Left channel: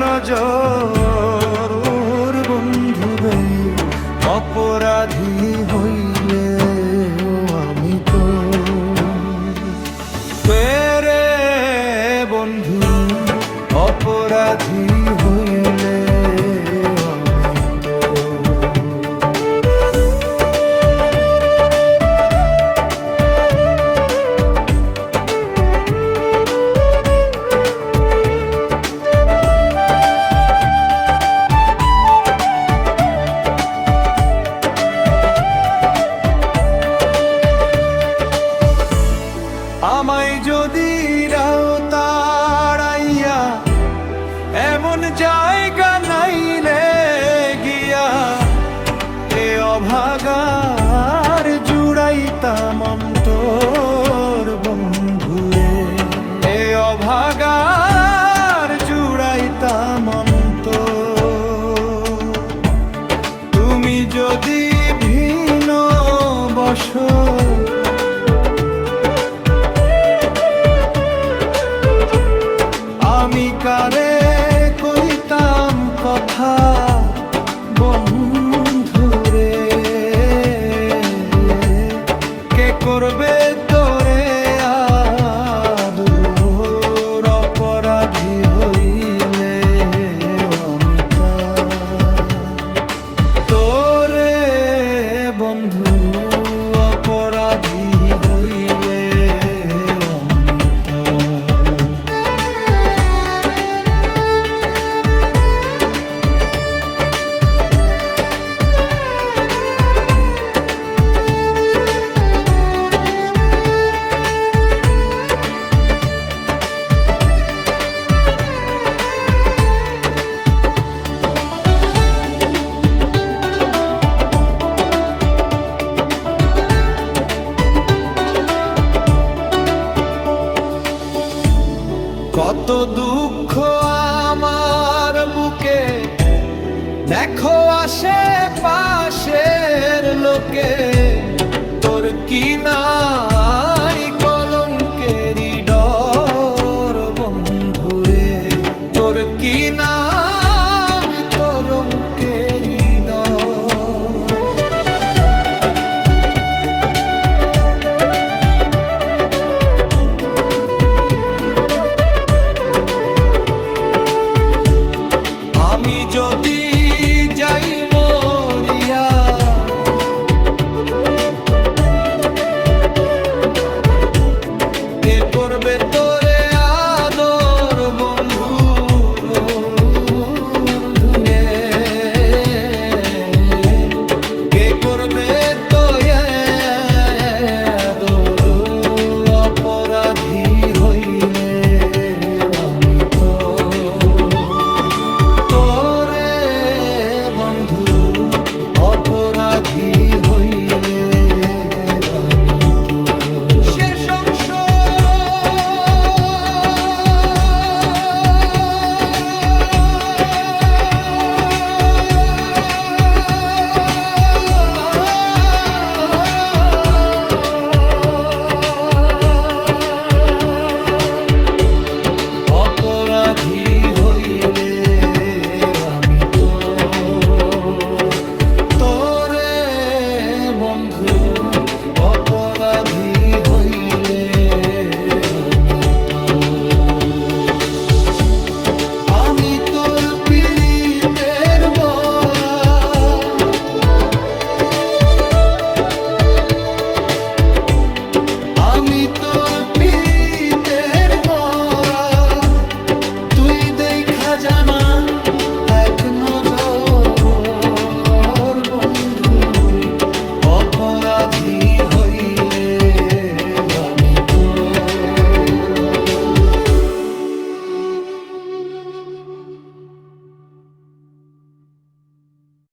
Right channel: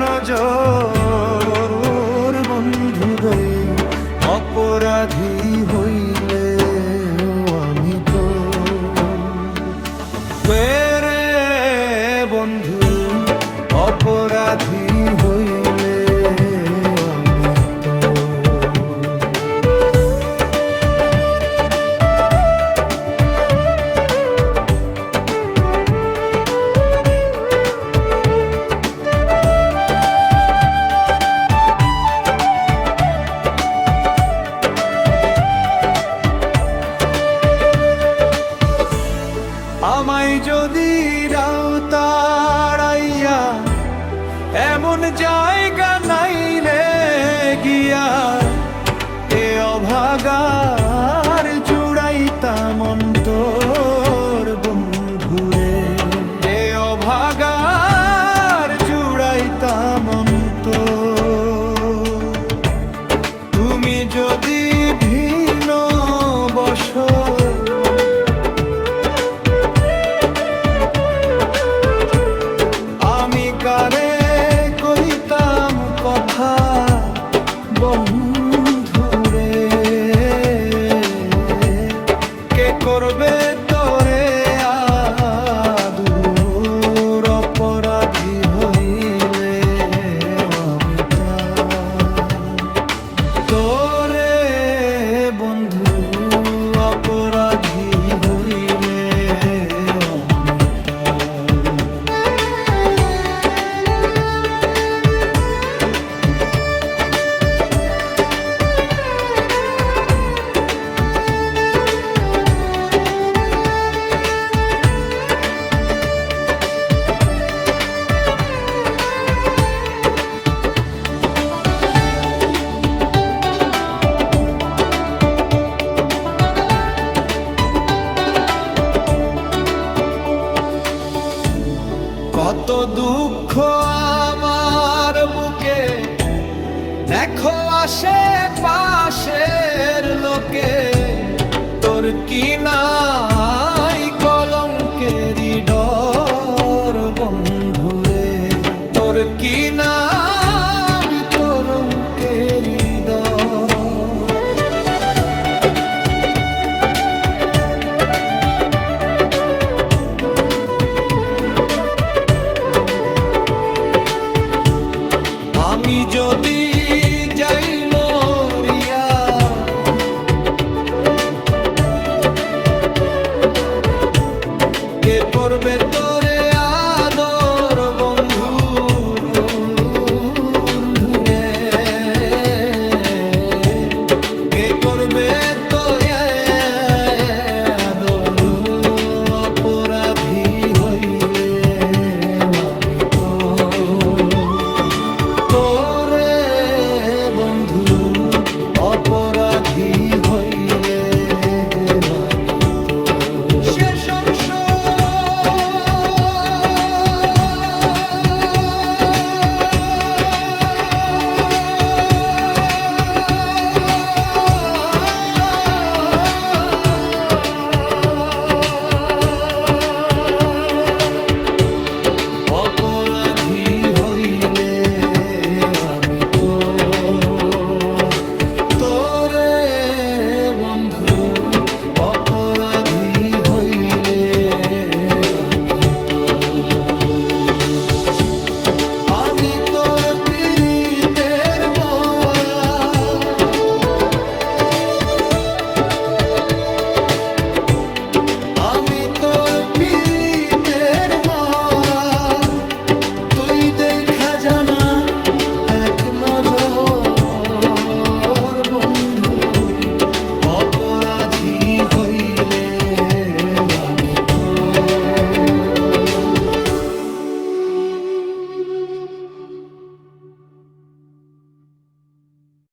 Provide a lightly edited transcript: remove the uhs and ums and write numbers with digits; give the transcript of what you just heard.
নজর বন্ধুরে অপরাধী হইলে আমি তো রে বন্ধু অপরাধী হইলে আমি তো আমায় যদি রাও তাড়াইয়া এমন জায়গা নাইলে গিয়া এ অভাগার জুড়াইতাম অন্তর বন্ধুরে এ অভাগার জুড়াইতাম অন্তর তুমি যদি ভিন্ন বসো আমি কারে কইতাম কথা বন্ধুরে কে করবে তোরে আদর অপরাধী হইলে আমি তোরে বন্ধু অপরাধী হইলে কত দুঃখ আমার বুকে দেখো আসে পাশের লোকে তোর কি নাই কলঙ্কেরই ডর বন্ধুরে তোর কি নাই কলঙ্কেরই ডর আমি যদি যাই মরিয়া কে করবে তোরে আদর বন্ধু কে করবে তো আদর অপরাধী হইলে আমি তো তোরে বন্ধু অপরাধী হইলে আমি তো শেষ অংশ অপরাধী হইলে আমি তো তোরে বন্ধু অপরাধী হইলে আমি তোর পীড়িতের মরা আমি তোর পীড়িতের মরা তুই দেখা জানা এক নজর বন্ধু অপরাধী হইলে